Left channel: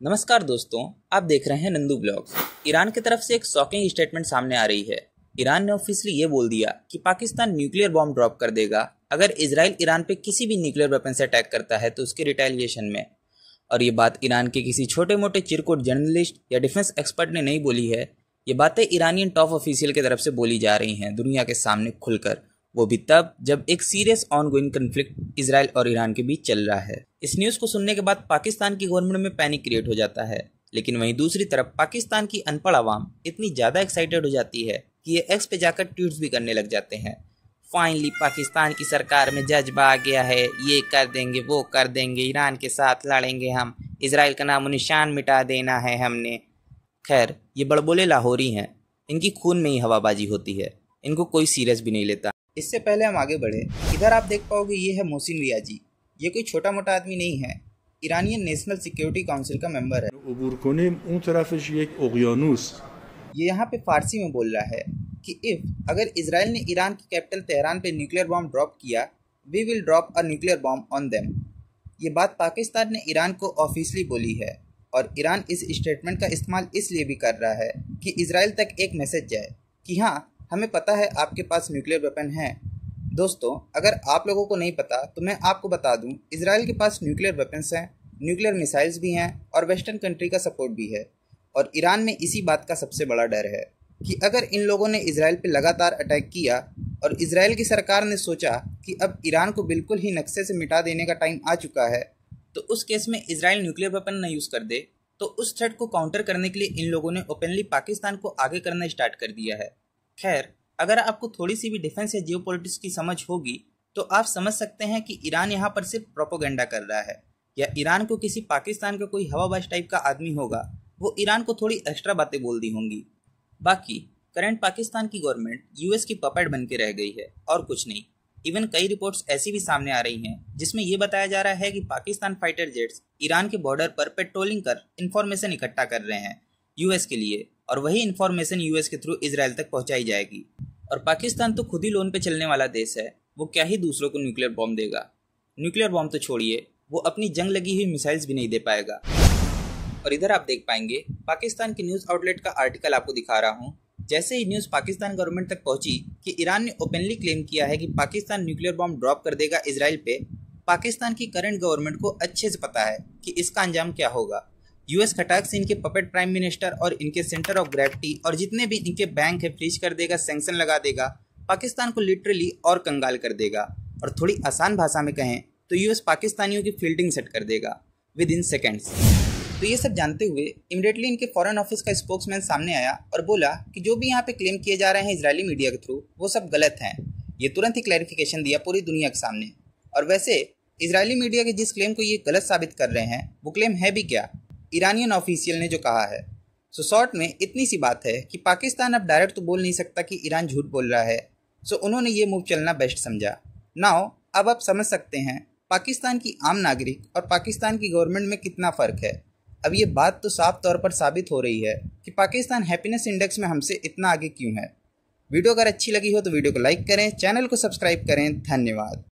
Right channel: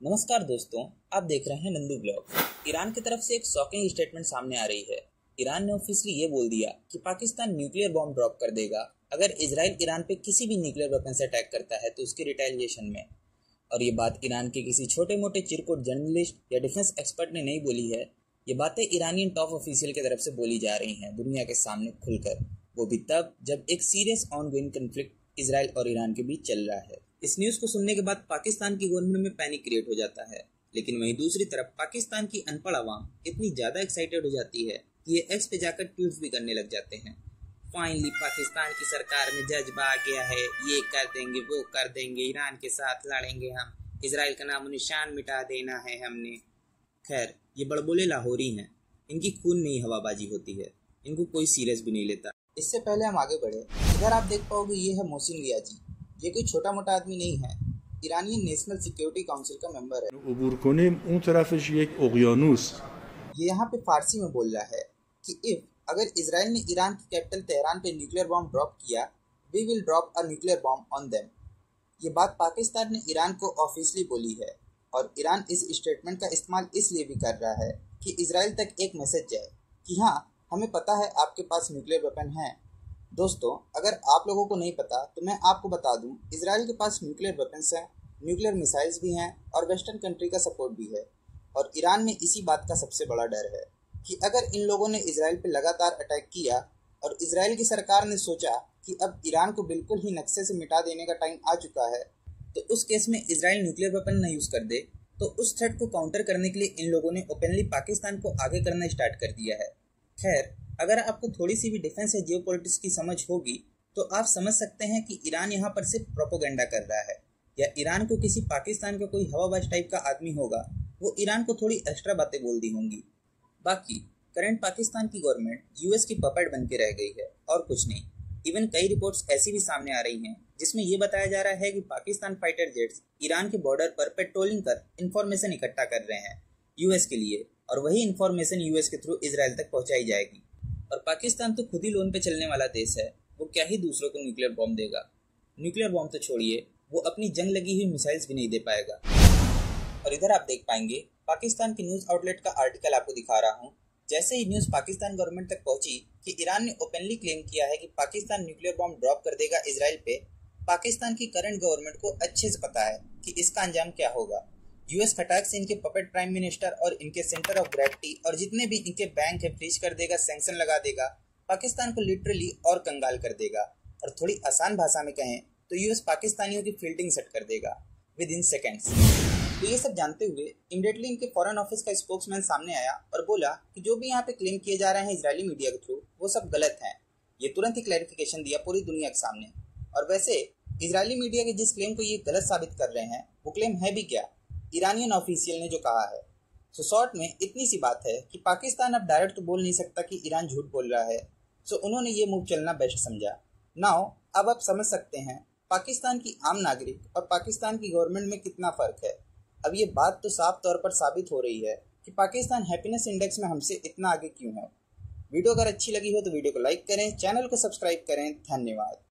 नमस्कार दोस्तों, आप देख रहे हैं नंदू ब्लॉग्स। ईरान की तरफ से एक शॉकिंग स्टेटमेंट सामने आ रही है। ईरान ने ऑफिशियली ये बोल दिया कि पाकिस्तान न्यूक्लियर बॉम्ब ड्रॉप कर देगा अगर इजराइल ईरान पे किसी भी न्यूक्लियर वेपन से अटैक करता है तो उसके रिटेलिएशन में। और ये बात ईरान के किसी छोटे मोटे चिरकुट जर्नलिस्ट या डिफेंस एक्सपर्ट ने नहीं बोली है। ये बातें ईरानियन टॉप ऑफिशियल की तरफ से बोली जा रही हैं दुनिया के सामने खुलकर, वो भी तब जब एक सीरियस ऑनगोइंग कन्फ्लिक्ट इजराइल और ईरान के बीच चल रहा है। इस न्यूज़ को सुनने के बाद पाकिस्तान की गवर्नमेंट में पैनिक क्रिएट हो जाता है, लेकिन वहीं दूसरी तरफ पाकिस्तान की अनपढ़ आवाम इतनी ज़्यादा एक्साइटेड हो जाती है कि ये एक्स पे जाकर ट्वीट्स भी करने लग जाते हैं। फाइनली पाकिस्तान की सरकार में जज्बा आ गया है, ये कर देंगे वो कर देंगे, ईरान के साथ लड़ेंगे हम, इजराइल का नामो निशान मिटा देना है हमने। खैर, ये बड़बोले लाहौरी हैं, इनकी खून में ही हवाबाजी होती है, इनको कोई सीरियस भी नहीं लेता। इससे पहले हम आगे बढ़े, इधर आप देख पाओगे ये है मोहसिन रियाजी। ये कोई छोटा मोटा आदमी नहीं है, ईरानियन नेशनल सिक्योरिटी काउंसिल का मेंबर है। ये यहाँ पे फारसी में बोल रहा है कि अगर इजराइल ने ईरान की कैपिटल तेहरान पे न्यूक्लियर बॉम्ब ड्रॉप किया, we will drop a nuclear bomb on them. ये बात पाकिस्तान ने ईरान को ऑफिशियली बोली है और ईरान इस स्टेटमेंट का इस्तेमाल इसलिए भी कर रहा है कि इजराइल तक एक मैसेज जाए कि हाँ, हमें पता है आपके पास न्यूक्लियर वेपन है। दोस्तों, अगर आप लोगों को नहीं पता तो मैं आपको बता दूं, इजराइल के पास न्यूक्लियर वेपन्स हैं, न्यूक्लियर मिसाइल्स भी हैं और वेस्टर्न कंट्री का सपोर्ट भी है। और ईरान में इसी बात का सबसे बड़ा डर है कि अगर इन लोगों ने इजराइल पे लगातार अटैक किया और इजराइल की सरकार ने सोचा कि अब ईरान को बिल्कुल ही नक्शे से मिटा देने का टाइम आ चुका है, तो उस केस में इजराइल न्यूक्लियर वेपन न यूज़ कर दे, तो उस थ्रेट को काउंटर करने के लिए इन लोगों ने ओपनली पाकिस्तान को आगे करना स्टार्ट कर दिया है। खैर, अगर आपको थोड़ी सी भी डिफेंस या जियोपॉलिटिक्स की समझ होगी तो आप समझ सकते हैं कि ईरान यहाँ पर सिर्फ प्रोपोगेंडा कर रहा है, या ईरान को किसी पाकिस्तान का कोई हवाबाज टाइप का आदमी होगा, वो ईरान को थोड़ी एक्स्ट्रा बातें बोल दी होंगी। बाकी करंट पाकिस्तान की गवर्नमेंट यूएस की पपेट बन के रह गई है और कुछ नहीं। इवन कई रिपोर्ट्स ऐसी भी सामने आ रही हैं जिसमें यह बताया जा रहा है कि पाकिस्तान फाइटर जेट्स ईरान के बॉर्डर पर पेट्रोलिंग कर इंफॉर्मेशन इकट्ठा कर रहे हैं यूएस के लिए, और वही इंफॉर्मेशन यूएस के थ्रू इजराइल तक पहुंचाई जाएगी। और पाकिस्तान तो खुद ही लोन पे चलने वाला देश है, वो क्या ही दूसरों को न्यूक्लियर बॉम्ब देगा। न्यूक्लियर बॉम्ब तो छोड़िए, वो अपनी जंग लगी हुई मिसाइल्स भी नहीं दे पाएगा। और इधर आप देख पाएंगे पाकिस्तान के न्यूज़ आउटलेट का आर्टिकल आपको दिखा रहा हूँ। जैसे ही न्यूज़ पाकिस्तान गवर्नमेंट तक पहुंची कि ईरान ने ओपनली क्लेम किया है कि पाकिस्तान न्यूक्लियर बॉम्ब ड्रॉप कर देगा इजराइल पे, पाकिस्तान की करंट गवर्नमेंट को अच्छे से पता है कि इसका अंजाम क्या होगा। यूएस खटाक से इनके पपेट प्राइम मिनिस्टर और इनके सेंटर ऑफ ग्रेविटी और जितने भी इनके बैंक है फ्रीज कर देगा, सैंक्शन लगा देगा, पाकिस्तान को लिटरली और कंगाल कर देगा। और थोड़ी आसान भाषा में कहें तो यूएस पाकिस्तानियों की फील्डिंग सेट कर देगा विद इन सेकेंड्स। तो ये सब जानते हुए इमीडिएटली इनके फॉरेन ऑफिस का स्पोक्समैन सामने आया और बोला कि जो भी यहाँ पे क्लेम किए जा रहे हैं इजरायली मीडिया के थ्रू, वो सब गलत हैं। ये तुरंत ही क्लैरिफिकेशन दिया पूरी दुनिया के सामने। और वैसे इजरायली मीडिया के जिस क्लेम को ये गलत साबित कर रहे हैं, वो क्लेम है भी क्या, ईरानियन ऑफिशियल ने जो कहा है। सो शॉर्ट में इतनी सी बात है कि पाकिस्तान अब डायरेक्ट तो बोल नहीं सकता कि ईरान झूठ बोल रहा है, सो उन्होंने ये मूव चलना बेस्ट समझा। नाउ अब आप समझ सकते हैं पाकिस्तान की आम नागरिक और पाकिस्तान की गवर्नमेंट में कितना फ़र्क है। अब ये बात तो साफ तौर पर साबित हो रही है कि पाकिस्तान हैप्पीनेस इंडेक्स में हमसे इतना आगे क्यों है। वीडियो अगर अच्छी लगी हो तो वीडियो को लाइक करें, चैनल को सब्सक्राइब करें। धन्यवाद।